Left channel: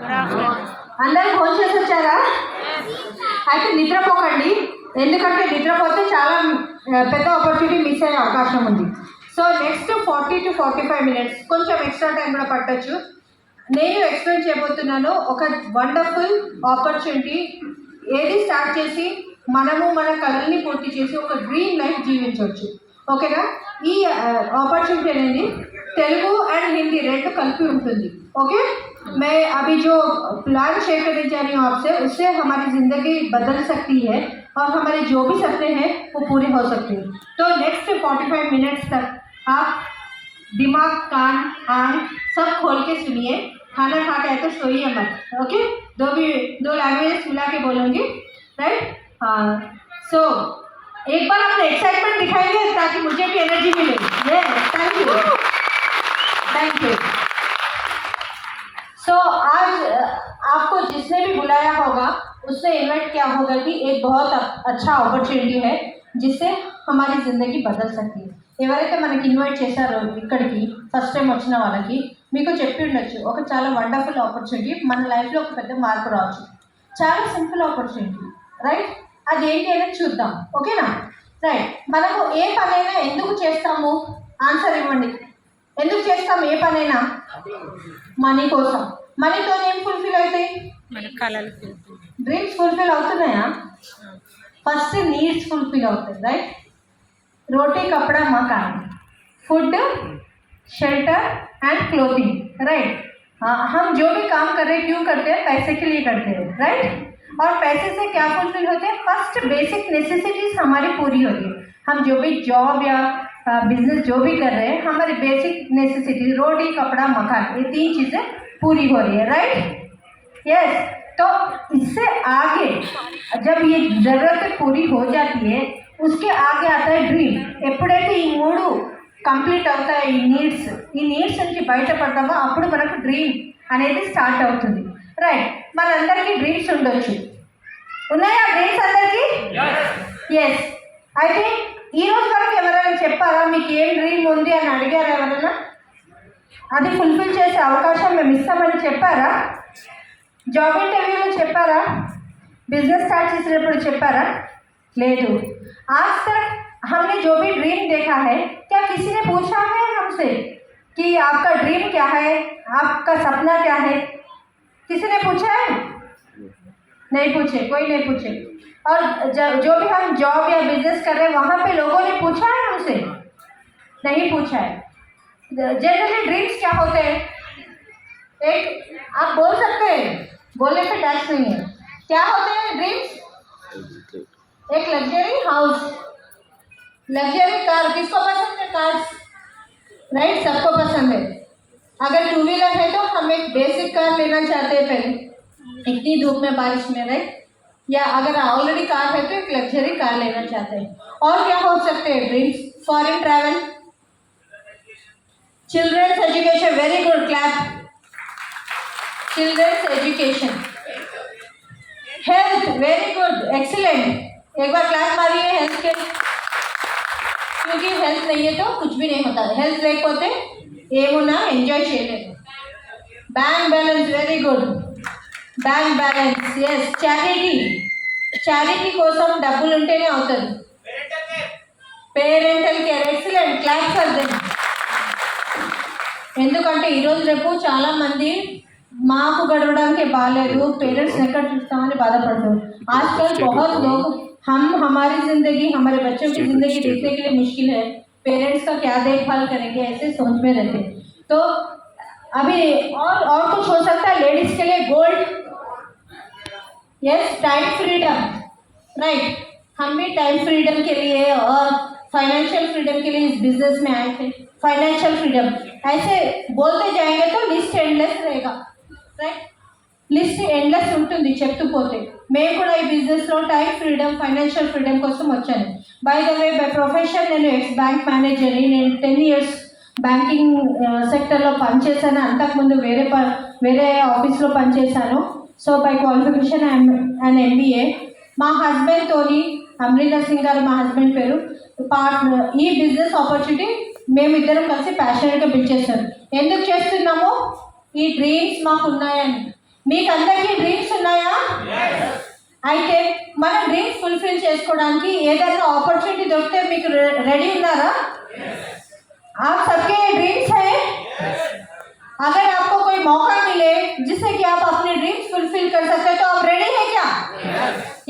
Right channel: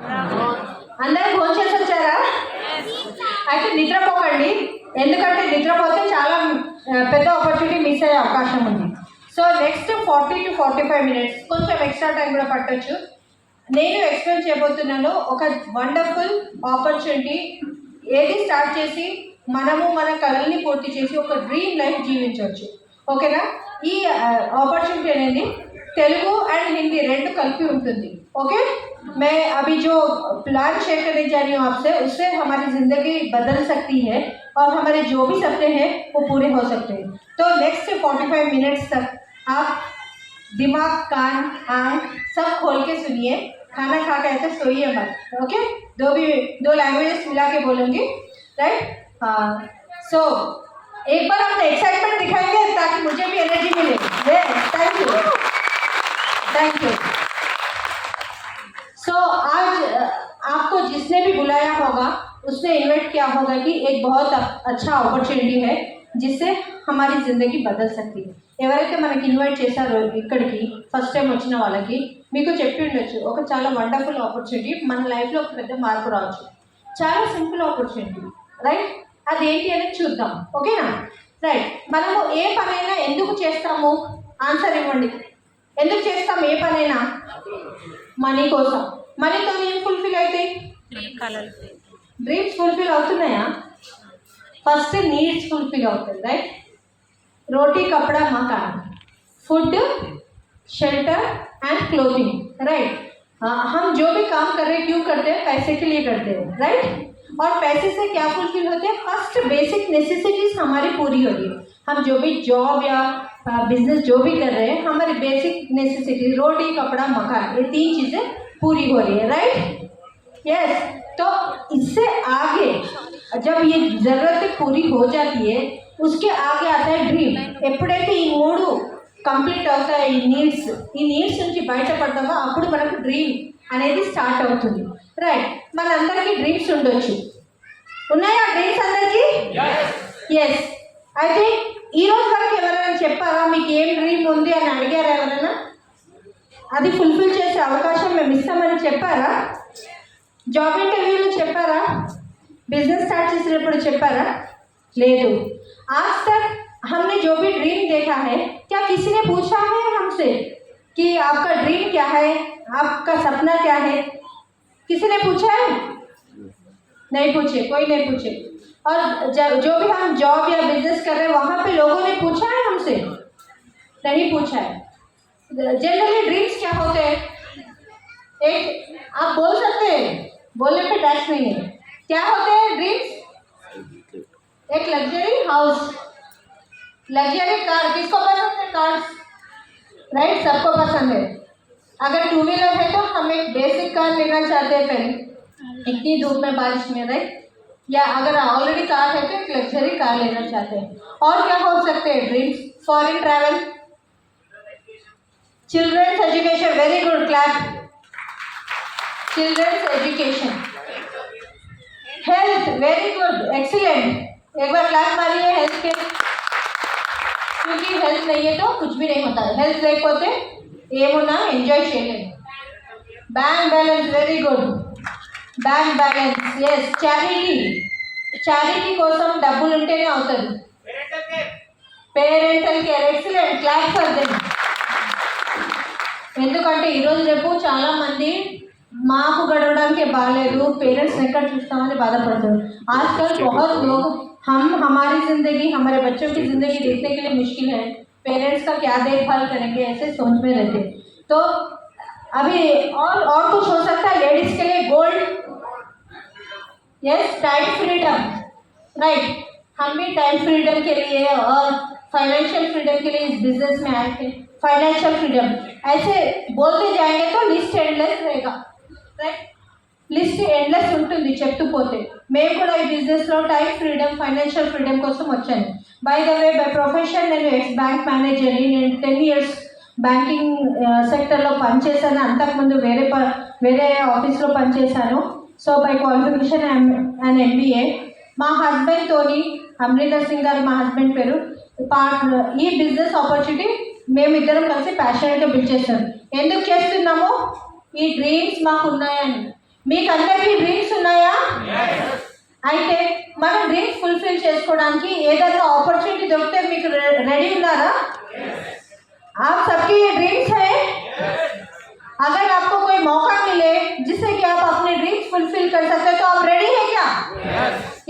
అందరూ ఫోన్ చేసి వచ్చారా? అయితే నిద్రపోకండి, ఎందుకంటే నిద్రపోతే చాలా పెద్ద ఆపర్చునిటీ మిస్ అయ్యే అవకాశం ఉంది. సో నెక్స్ట్ 40 to 45 minutes కొంచెం ఎక్స్ట్రా టైం కూడా పట్టొచ్చు. నేను ఎక్స్ప్లెయిన్ చేయబోతున్నాను ఒక వండర్ఫుల్ ఆపర్చునిటీ. ఏది స్టార్ట్ చేసి మనము మన కళల్ని పూర్తి చేసి ఒక డ్రీమ్ లైఫ్ జీవించవచ్చు. ఓకేనా? ఈ ఆపర్చునిటీ అనేది తెలుగు అండ్ హిందీ రెండు కలిపి ఉంటుంది. ओके, मैं अभी जो प्लान शेयर करने जा रही हूँ आपसे, उससे हमारी ज़िंदगी बदल सकती है और हमारे जो भी सपने हैं वो पूरे हो सकते हैं. तो नेक्स्ट 45 मिनट्स तक आप दिमाग, कान, आँख सब खोल के सुनिए. खाना खा के ऐसे सोइए मत. ओके, दो लैंग्वेजेस मिला के बोलूँगी, राइट? हाँ, सो एक बार अपने एक्साइटमेंट दिखाएंगे ताकि मुझे भी एनर्जी मिले. Thank you. सो आज आपको जिसने भी बुलाया होगा उसने इन्वाइट किया होगा कि एक बहुत अच्छा अपॉर्चुनिटी है जिससे हमारी ज़िंदगी बदल सकती है. ఎవరైతే మనకి ఇన్వైట్ చేశారో ఇక్కడికి ఫస్ట్ టైం వచ్చిన వాళ్ళకి మీకు చెప్పి ఉండొచ్చు, ఒక చాలా వండర్ఫుల్ ఆపర్చునిటీ, మన లైఫ్లో ఒక పెద్ద మార్పు రావచ్చు. చాలా సింపుల్ ఆపర్చునిటీ, రైట్? అది ఏంటి అనేది చూద్దాం. ఓకేనా? రైట్. మనము ఏ పనైనా ఎందుకు చేస్తాము? ఆన్సర్ ఇవ్వండి. ఎందుకు చేస్తాం ఏ పనైనా? మనీ కోసం. మనీతో ఏం ఫుల్ఫిల్ అవుతాయి? డ్రీమ్స్ ఫుల్ఫిల్ అవుతున్నాయా? ఫస్ట్ నీడ్స్ फुलफिल होते हैं, राइट? रोटी, कपड़ा, मकान, food, shelter and clothing, right? हम जो भी काम कर रहे हैं क्यों करते हैं? पैसे के लिए करते हैं, राइट? और पैसे से क्या फुलफिल होते हैं? फर्स्ट बेसिक नेसेसिटीज हमारी पूरी हो रही है. हम जो भी जॉब या बिजनेस जो भी कर रहे हैं, हमारी बेसिक नेसेसिटीज रोटी, कपड़ा, मकान, ये तीन चीज़ें पूरी हो रही है, राइट? यस. तो इससे आगे जब ये ज़रूरतें पूरी हो जाती है उसके आगे आता है డ్రీమ్. ఎప్పుడైతే ఈ మూడు కంప్లీట్ అవుతాయి, ఈ నీడ్స్ నుంచి బయటపడతామో అప్పుడు మనకు డ్రీమ్ అనేది స్టార్ట్ అవుతుంది, రైట్? మనందరికీ డ్రీమ్స్ ఉండొచ్చు. ఉన్నాయా డ్రీమ్స్ అందరికీ? ఎస్. అయితే ఈరోజు వరకు ఎవరైనా చెప్పారా మీకు ఏం డ్రీమ్ ఉంది అని అడిగారా? ఎవరైనా అది ఫుల్ఫిల్ చేసే అవకాశం మేము ఇస్తామని చెప్పారా? జాబ్ ఇంటర్వ్యూలో చెప్పారా? बिजनेस स्टार्ट చేసినప్పుడు చెప్పారా? లేదు. आज तक हमने जो भी ड्रीम देखा है, क्या किसी ने पूछा है हमसे कि आपका ड्रीम क्या है, आपका सपना क्या है? किसी ने पूछा है? नहीं पूछे, कोई नहीं पूछे. और जो भी हम जॉब या बिजनेस कर रहे हैं वहाँ पे लोगों ने पूछा है हमसे? नहीं पूछा है. जनरली ड्रीम्स क्या होते हैं? एक आप बोल सकते हैं, बोलने पे टैक्स नहीं है. क्या होते हैं ड्रीम्स? एक लग्जरी हाउस, लग्जरी कार. किसको पसंद है कार्स? राइट, सबको पसंद है. अगर टू व्हीलर है तो हम एक बेसिक कार लेना चाहते हैं पहले, इतनी धूप में बारिश में, राइट? या अगर ऑलरेडी कार है तो एक लग्जरी कार लेना चाहते हैं. और क्या हो सकते हैं dreams? Foreign travel, children's education. Very good, clap. Children's education. Health, very good, excellent. एक बार क्लैप मारिए हेल्थ के, क्योंकि हेल्थ नहीं है तो कुछ भी नहीं होता. हेल्थ లేకపోతే ఏమున్నా ఎంజాయ్ చేయలేము. Bank balance, very good. Bank balance, yes. Charity కోసం డబ్బులు ఉంటేనే అవుతుంది. Parental care, excellent, clap for them. ఎందుకంటే ఈరోజు రేపు చాలామంది మాకు గడవడానికి బాగాలేదు, పేరెంట్స్ ఎక్కడ చూస్తామని బాధపడతారు. आजकल बहुत लोग हम हमारी ज़िंदगी, हमारे बच्चों की ज़िंदगी देखने के लिए मुश्किल है, पेरेंट्स का क्या देखभाल करेंगे ऐसे सोच में रहते. तो अभी और कुछ हो सकता है लेडीज़ के लिए? Gold, yes. Time freedom, right? हम भी टाइम फ्रीडम के लिए और फाइनेंशियल फ्रीडम के लिए इस बिजनेस में आए थे. फाइनेंशियल फ्रीडम ऐसे बोलते जाएंगे तो लिस्ट एंडलेस रहेगा, రైట్? లిస్ట్ ఎండ్లెస్ ఉంటుంది చెప్తూ పోతే. మేము కూడా ఈ బిజినెస్లో టైం ఫ్రీడమ్, ఫైనాన్షియల్ ఫ్రీడమ్ కోసం వచ్చాను. By the way, by profession నేను ఎక్స్ బ్యాంక్ మేనేజర్ని. నేను 10 years బ్యాంకింగ్ సెక్టర్లో పనిచేశాను. అంతకుముందు వేరే ఆఫీస్లో పనిచేశాను. So by qualification I'm and MBA. మా హస్బెండ్తోని, అమరీందర్ సింగ్ గారు మా హస్బెండ్ పేరు, ఈ బిజినెస్ ఆపర్చునిటీ మేమిద్దరం కలిసి ప్యాషనెట్గా బిల్డ్ చేశాను. ఎందుకు చేస్తున్నామో? ఈ డ్రీమ్స్ మాకు ఉన్నాయని. మీకు అందరికీ డ్రీమ్స్ ఉన్నాయా? అయితే మనం డ్రీమ్స్ ఫుల్ఫిల్ చేసుకోవడానికి ఏదైనా ఆపర్చునిటీ దొరికితే మీకు రెడీ ఉన్నారా? आप सबके ये ड्रीम्स है? अगर आपको कोई मौका मिले जिससे कि आप अपने ड्रीम्स फुलफिल कर सकते तो आप रेडी हैं क्या?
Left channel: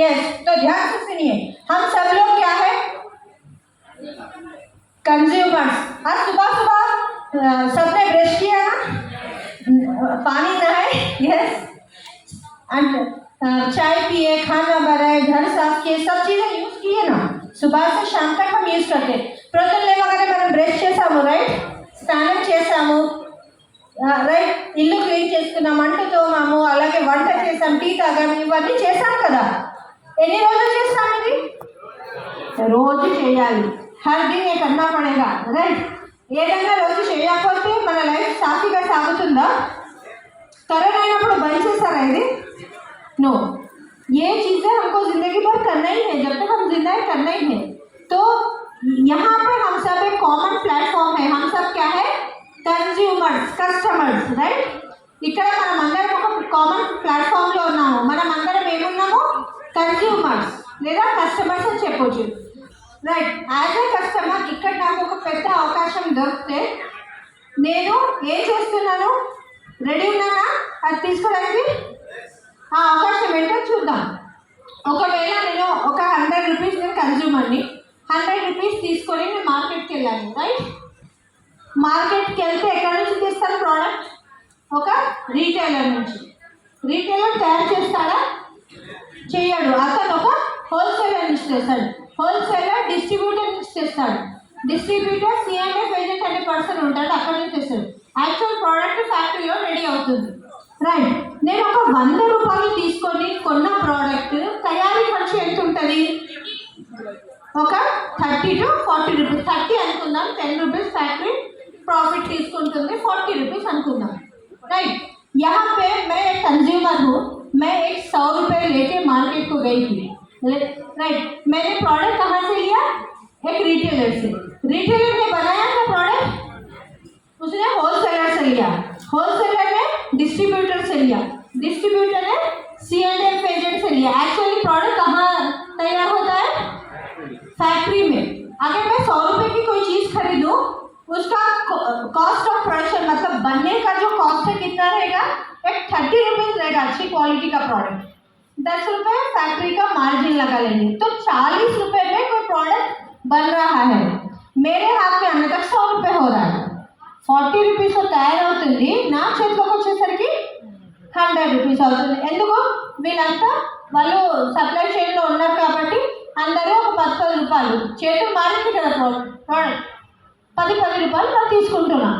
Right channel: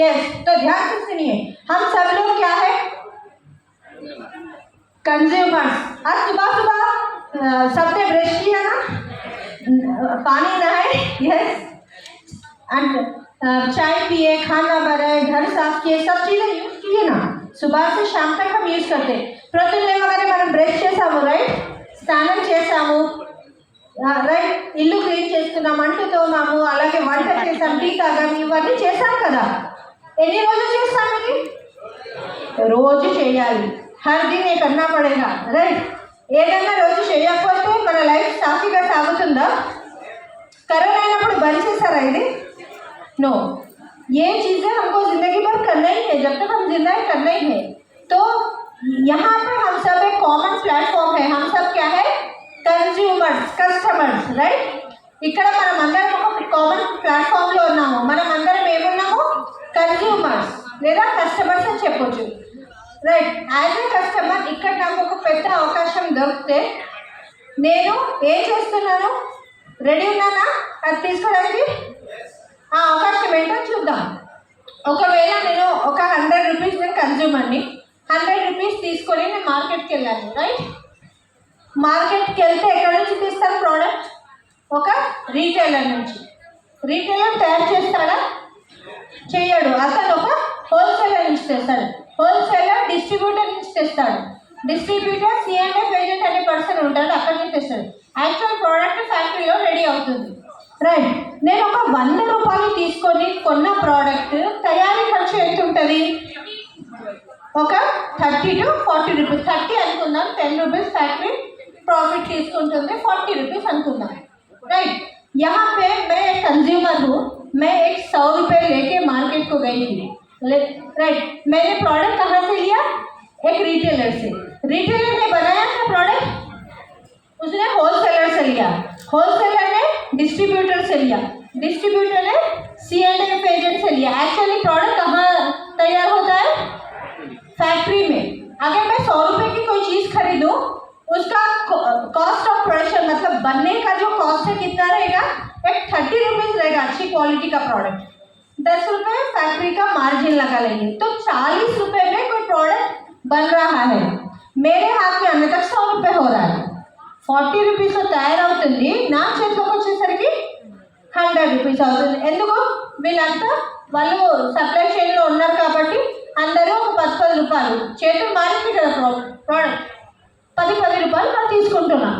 यस। तो ध्यान से सुनिए, हम सब लोग क्या है? कंज्यूमर्स। आज सुबह सुबह सबने ब्रश किया ना, पानी नहाए, यस, एंड चाय पिए, खाना बनाए, घर साफ किए, सब चीज़ें यूज किए ना। सुबह से शाम तक हम यूज करते। ప్రొద్దున్నే మగనే మనం బ్రష్ చేసాము, రైట్, స్నానం చేసాము, రైట్, ఇల్లు క్లీన్ చేసుకున్నాం, అంటు తోమాము, అలాగే వంట చేసాం, టీ తాగాము, ఇవన్నీ చేసాం కదా. ఎన్ని రోజులు చేస్తాం ఇది? రోజు చేయాలి. హర్ దిన్ ఏ కన్నా పడేగా, రైట్. ఏదైనా రోజు చేయకపోతే మన లైఫ్ సాఫీగా సాగుతుందా? కరోనా అయినప్పుడు బంద్ చేశారా ఇది? नो, ये चीज़ें हमको ज़िंदगी भर करना ही है, जब तक हम जिंदा है करना ही है। तो यहाँ पर हम सब एक कॉमन प्लेटफॉर्म है, हम सब क्या है? Consumers, customers, right. ఇక్కడ మనం అందరం ఒక కామన్ ప్లాట్ఫామ్లో ఉన్నాము. మనం అందరం ఏమున్నాము? కన్జ్యూమర్స్ లేదా కస్టమర్స్ అని చెప్పొచ్చు, రైట్. యాజ్ ఏ కస్టమర్ ఇక్కడ నాకు ఒక పెద్ద అవకాశం దొరికితే నేను ఏం చేస్తున్నాను? రెడీ ఉన్నానా అది తీసుకోవడానికి? ఆ అవకాశం ఏంటో చూద్దాం. ఒకవేళ నేను ఒక 100 రూపీస్ నేను కన్జ్యూమర్ని, 100 రూపీస్ తీసుకొని నేను మార్కెట్కి వెళ్ళాను, రైట్. మార్కెట్కి వెళ్తే ఎక్కడి నుంచి తీస్తాను ప్రోడక్ట్? ఒక రీటైలర్ నుంచి. రీటైలర్ తయారు చేస్తాడా? చేయడు. అతను ఒక హోల్సేలర్ నుంచి తెస్తాడు. హోల్సేలర్ డిస్ట్రిబ్యూటర్ నుంచి తెస్తాడు. డిస్ట్రిబ్యూటర్ సిఎంఎఫ్ ఏజెంట్ అనే పర్సన్ ఉంటాడు, అక్కడి నుంచి తెస్తాడు. యాక్చువల్ ప్రోడక్ట్ ఫ్యాక్టరీలో రెడీ అవుతుంది, రైట్. నేను ఒక 100 రూపాయలు తీసుకొని కొన్న ప్రోడక్ట్ తయారీ ఖర్చు ఎంత ఉంటుంది? ఒక 30 to 40 రూపీస్. 30 అనుకుందాం, 10 రూపీస్ ఫ్యాక్టరీ प्रॉफिट తీసుకుంటుంది, 40 रुपीस అనుకుందాం, राइट. यहाँ पे मैं एक कंज्यूमर हूँ, मैं एक 100 रुपये लेके मार्केट को गई थी, राइट. मैंने प्रोडक्ट कहाँ से लिया? एक रिटेलर से. रिटेलर ने बनाया था प्रोडक्ट, उसने होलसेलर से लिया, होलसेलर ने डिस्ट्रीब्यूटर से लिया, डिस्ट्रीब्यूटर ने C&F एजेंट से लिया. एक्चुअली प्रोडक्ट कहाँ तैयार होता है? फैक्ट्री में. अगर मैं 100 रुपये की कोई चीज़ खरीदूँ, उसका कॉस्ट ऑफ प्रोडक्शन मतलब बनने का जो कॉस्ट है कितना रहेगा? एक 30 रुपीज़ रहेगा अच्छी क्वालिटी का प्रोडक्ट. 10 रुपये फैक्ट्री का मार्जिन लगा लेंगे, तो 40 रुपये में कोई प्रोडक्ट बन रहा है. मेरे हाथ में आने तक 100 रुपये हो रहा है. 40 रुपीस తయారవుతుంది, నా చేతిలోకి వచ్చేసరికి 100 రూపీస్ అవుతుంది. ఎందుకు? వీళ్ళంతా వాళ్ళు సప్లై చైన్లో ఉన్నారు కాబట్టి అందరూ ఒక 10 రూపాయలు చేతులు మారింది కదా, ప్రోడక్ట్ 10 రూపాయలు మనం తీసుకుంటున్నాం.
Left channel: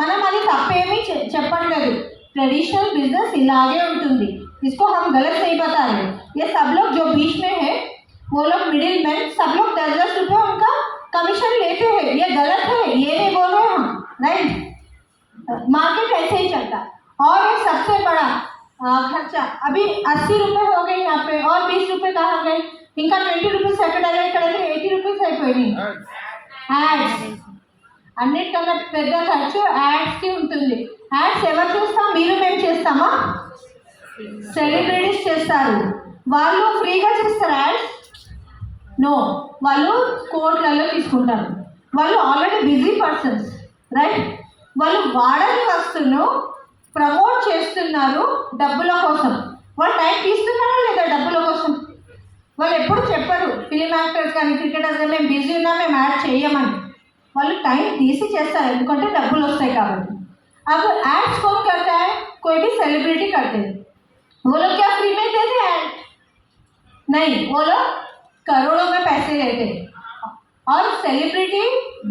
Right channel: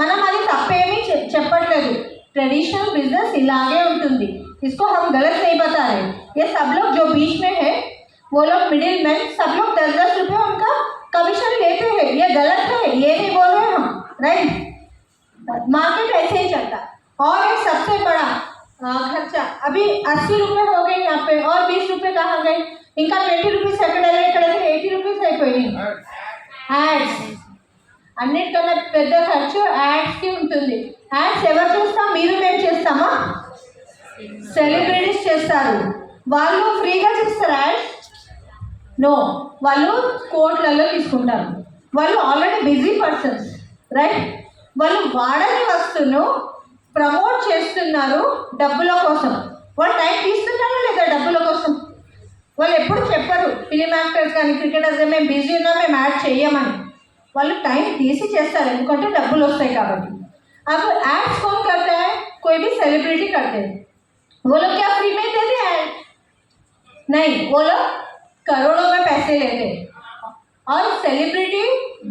మనం అది తప్పేమీ చెప్పట్లేదు. ट्रेडिशनल बिजनेस इलागे ఉంటుంది. इसको हम गलत नहीं बता रहे. ये सब लोग जो बीच में है वो लोग मिडिल मैन, सब लोग 10-10 रुपये उनका कमीशन लेते हैं. ये गलत है, ये नहीं बोल रहे हम, राइट. मार्केट ऐसे ही चलता. और एक सबसे बड़ा खर्चा अभी 80 रुपये हो गए यहाँ पे, और 20 रुपये कहाँ गए? इनका 20 रुपीस ఎక్కడ 80 రూపీస్ అయిపోయింది. యాడ్స్ అన్నిటికన్నా పెద్ద ఖర్చు యాడ్స్కి ఉంటుంది. యాడ్స్ ఎవరు చేస్తాం? మీరు మేము చేస్తామా? సెలబ్రిటీస్ చేస్తారు. వాళ్ళు ఫ్రీగా చేస్తారు యాడ్స్? నో, వాళ్ళు కోట్లలో తీసుకుంటారు. వాళ్ళు ఆల్రెడీ బిజీ పర్సన్స్, రైట్. వాళ్ళు వాడని వస్తువును ప్రమోట్ చేస్తున్నారు డబ్బుల కోసం. వాళ్ళు టైం తీస్తున్నారా లేదా డబ్బుల కోసం? వాళ్ళు ఎప్పుడు చెప్పరు, ఫిలిం యాక్టర్స్ కానీ క్రికెటర్స్ మేము బిజీ ఉన్నాం, మేము యాడ్ చేయమని. వాళ్ళు టైం తీసి చేస్తారు, ఎందుకంటే డబ్బులు వస్తాయి కాబట్టి. अब एड्स कौन करता है? कोई भी सेलिब्रिटी करते हैं. वो लोग क्या फ्री में देते हैं? नहीं, वो लोग करोड़ों में पैसे लेते हैं. और सेलिब्रिटी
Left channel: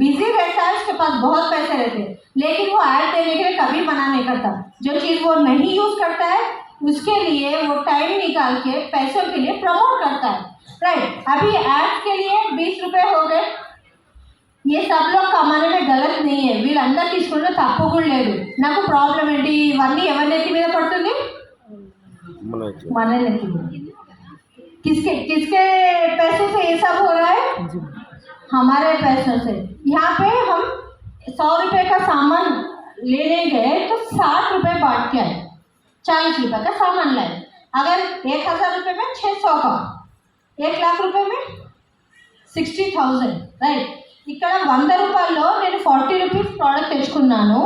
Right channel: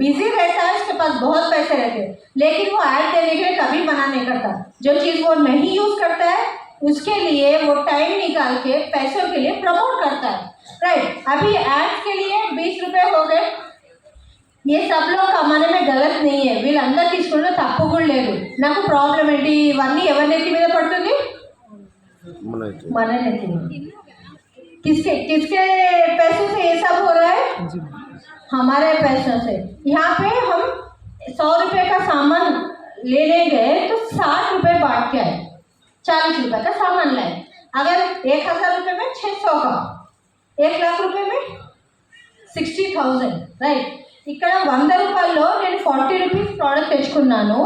बिजी रहता है, उसके पास बहुत पैसे रहते हैं, लेकिन वो ऐड देने के लिए कभी मना नहीं करता. जो चीज़ वो नहीं यूज़ करता है उसके लिए वो टाइम निकाल के पैसों के लिए प्रमोट करता है, राइट. अभी एड्स के लिए 20 रुपये हो गए. ये सब लोग कमाने में गलत नहीं है. వీళ్ళందరూ తీసుకుంటే తప్పు కూడా లేదు. నాకు ప్రాబ్లం ఏంటి? ఇవన్నీ ఎవరి నెత్తి మీద పడుతుంది? మన నెత్తి మీద. किसके किसके पैसों से ये सब हो रहा है? हमारे पैसों से. यहाँ पे हम 100 रुपये का सामान लेने गए तो 60 रुपये बांट के आए. ₹40 का सामान लाए, अगर 1000 रुपये में 600 का, 1 लाख रुपये में 60,000 రైట్. ఇక్కడ 100 రూపాయల్లో నేను 40 రూపీస్ ప్రోడక్ట్ తెచ్చుకున్నాను,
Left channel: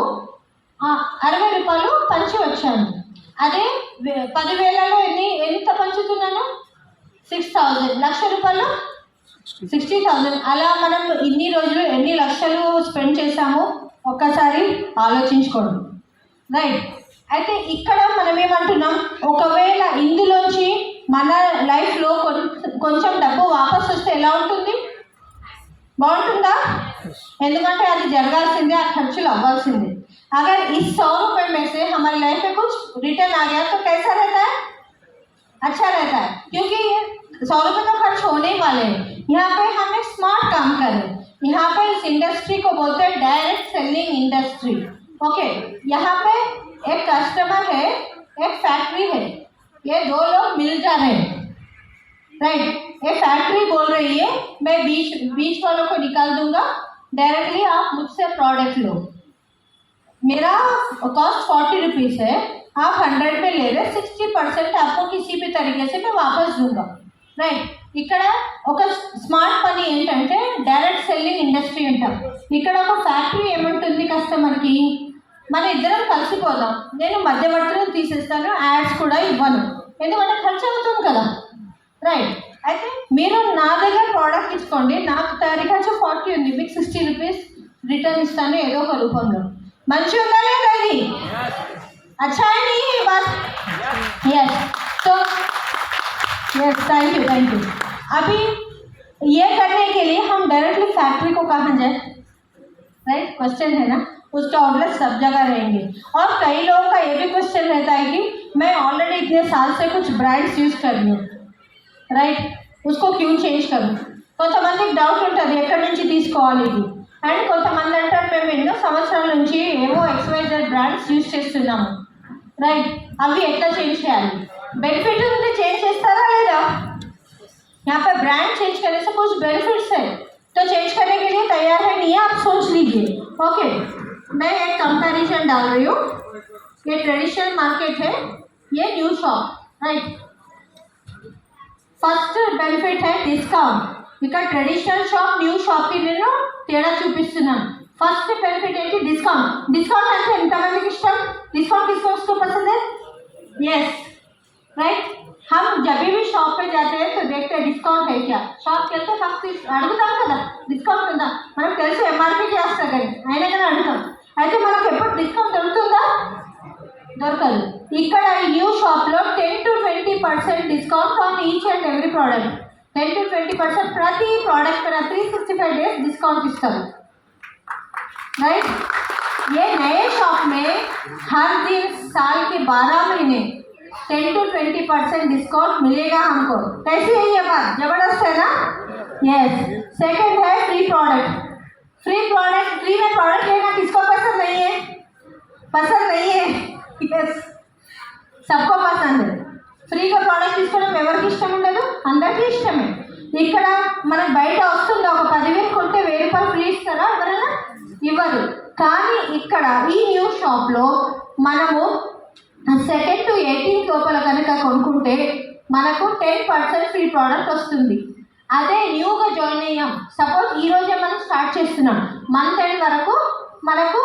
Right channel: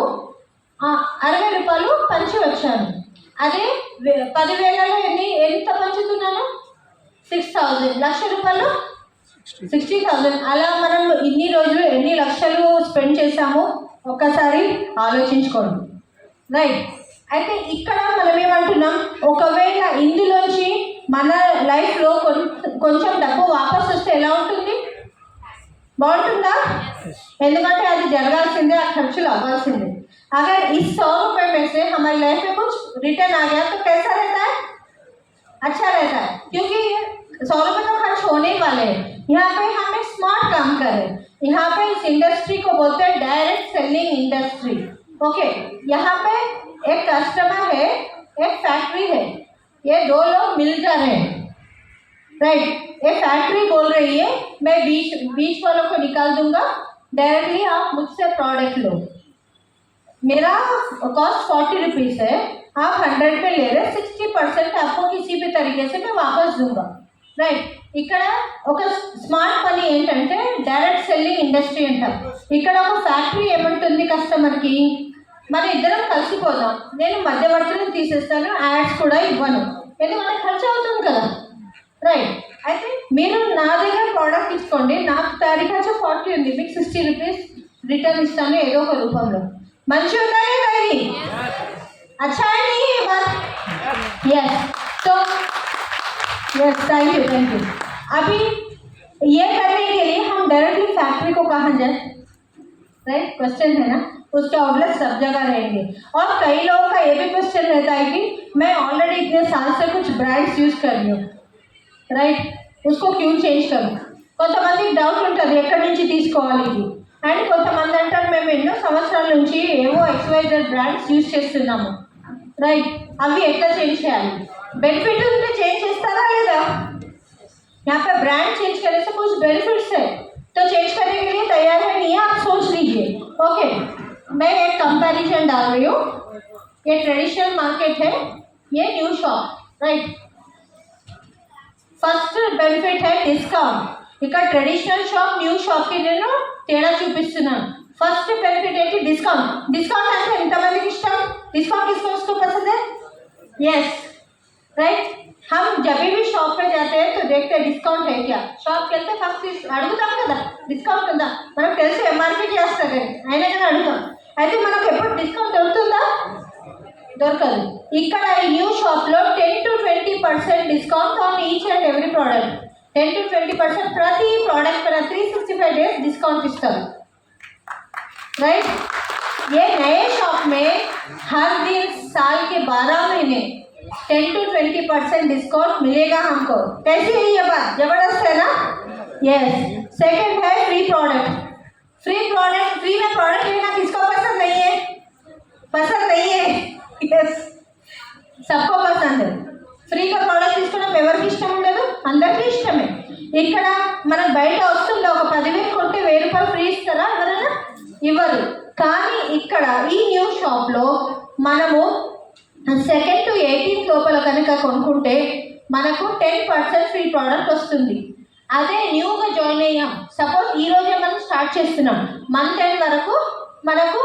60 రూపాయలు పంచి వచ్చాను. అదే 10,000లో ఎంత పంచుతున్నాను? 6,000. ₹1,00,000 60,000. అలా మనం ఇన్ని రోజులు ఎన్ని లక్షలు స్పెండ్ చేశామో ఒక్కసారి ఆలోచించుకోండి, రైట్. అయితే ఇక్కడ మనం ఏమంటున్నాం, ఒకవేళ ఇందులోంచి మన లైఫ్లో కొంచెం డబ్బు వాపస్ వస్తే ఎలా ఉంటుంది? బాగుంటుందా? ఎందుకంటే అది జరగాల్సిందే, ఆ ఖర్చులు అవ్వాల్సిందే. अगर इस 100 रुपये में से हमारी लाइफ में कुछ रिटर्न आ गया तो कैसा रहता है? अच्छा रहता है, क्योंकि 100 रुपये तो खर्च होने ही वाले हैं. यहाँ पे हम एक स्मार्ट काम करें. यहाँ पे इस इंडस्ट्री को बोलते हैं डायरेक्ट सेलिंग इंडस्ट्री. ओके, यहाँ पे एक कस्टमर है, एक फैक्ट्री है, ये 2 लोग मिल जा रहे हैं, राइट. एक फैक्ट्री बोल रही है मैं बीच वालों को निकाल दूंगा, डायरेक्टली आप मुझसे प्रोडक्ट लो, मेरा कॉस्ट 40 रुपीज़ है, आप 100 पे ले रहे, 60% आपको किसी भी तरीके से मैं वापस दूंगा, రైట్. ఇక్కడ ఒక స్మార్ట్ పని ఏంటంటే డైరెక్ట్ సెల్లింగ్ ఇండస్ట్రీ అంటారు. ఇక్కడ ఒక ఫ్యాక్టరీ ఏముంటుంది, కస్టమర్కి మన ఇద్దరం కలిసిపోదాం, నేను మధ్యవర్తులను తీసేస్తాను, యాడ్స్ కూడా ఇవ్వను, ఎందుకంటే ఖర్చు అవుతుంది కదా, రైట్. అయితే మీరు నా దగ్గర ప్రోడక్ట్ ఇచ్చుకోండి, నాకు తయారీ ఖర్చు 40 ఉంది, మీకు 60 రూపీస్ రిటర్న్ ఇస్తాను ఏదో ఒక రూపంలో. మంచి ఉందా లేదా ఇది? अच्छा है नहीं ये बात? यस. तो यस, थैंक यू. अभी ये करने के लिए हम डायरेक्टली फैक्ट्री को कहाँ जाए, राइट? क्वेश्चन है ना, उसके आउटलेट सब जगह रहेंगे. और कई लोगों का ये भी क्वेश्चन रहता है कि मैं ऑलरेडी इतने साल से कुछ ब्रांड्स यूज कर रही हूँ, राइट, उसको क्यों चेंज करूँ? కొంతమందికి డౌట్ ఉంటుంది ఎక్కడి నుంచి తీసుకోవాలి ఇది. అండ్ కొంతమంది అంటారు మేము ఎన్నో సంవత్సరాల నుంచి ఏవో XYZ బ్రాండ్స్ యూజ్ చేస్తున్నాము, రైట్, అవి ఎట్లా చేంజ్ చేయాలి? బెనిఫిట్ ఉంటే చేంజ్ చేస్తారా లేదా? यहाँ पे ब्रांड चेंज करने से कुछ बेनिफिट्स है, तो चेंज करने के लिए तैयार है नहीं है, आप सोच लीजिए. ओके, मैं एक कंपैरिजन डाल रही हूँ. ये ट्रेडिशनल मार्केट है, ये new shop, right. First benefit है డిస్కౌంట్. ఇక్కడ ట్రెడిషనల్ షాప్ న్యూ షాప్కి నేను తేడా చూపిస్తున్నాను. ఫస్ట్ బెనిఫిట్ ఏంటి? డిస్కౌంట్. డిస్కౌంట్ అంటే ఎంతమందికి ఇష్టం? డిస్కౌंट किसको पसंद है? Yes, right. हम जब भी शॉप पे जाते हैं तो देखते हैं डिस्काउंट है क्या. షాప్కి వెళ్తే ఫస్ట్ అడుగుతాం కదా డిస్కౌంట్ ఉందా, మనకు తెలుసు ఎంఆర్పీకి వేస్తారు అయినా కానీ అడుగుతాం. అయితే మనకు ఎప్పుడు డిస్కౌంట్ దొరుకుతుందా? దొరకదు. ఇక్కడ న్యూ షాప్లో 10 to 20% discount on each and every product. 10 to 20% ప్రతి ప్రోడక్ట్ पर 365 डेज डिस्काउंट ఇస్తారు, राइट. ये नए शॉप में हर दिन साल के 12 महीने 10 to 20% डिस्काउंट मिलेगा हमको. कैसी है ये बात? जबरदस्त है ना? यस. सेकंड है फ्री प्रोडक्ट. फ्री में प्रोडक्ट लेना किसको पसंद नहीं है? पसंद नहीं है. यस, सबको पसंद है. ఫ్రీగా ప్రోడక్ట్ తీసుకోవడం ఎవరికి ఇష్టం ఉండదు? అందరికీ ఇష్టమే. ఇక్కడ మనం బయట వస్తుంది ఒక 10,000 కొంటే 1,000 రూపాయలు ఫ్రీ ఇస్తారా? ఎవరైనా ఇవ్వరు. కానీ ఇక్కడ ఈ న్యూ షాప్లో మనము 2nd to 18th లోపల కనుక కొనుక్కుంటే మనకు 10% ఫ్రీ ప్రోడక్ట్ వస్తుంది. అదే న్యూగా జాయిన్ అయ్యాం, సపోజ్ ఈరోజే మనం స్టార్ట్ చేస్తున్నాం, మంత్ ఎండ్ వరకు మనకు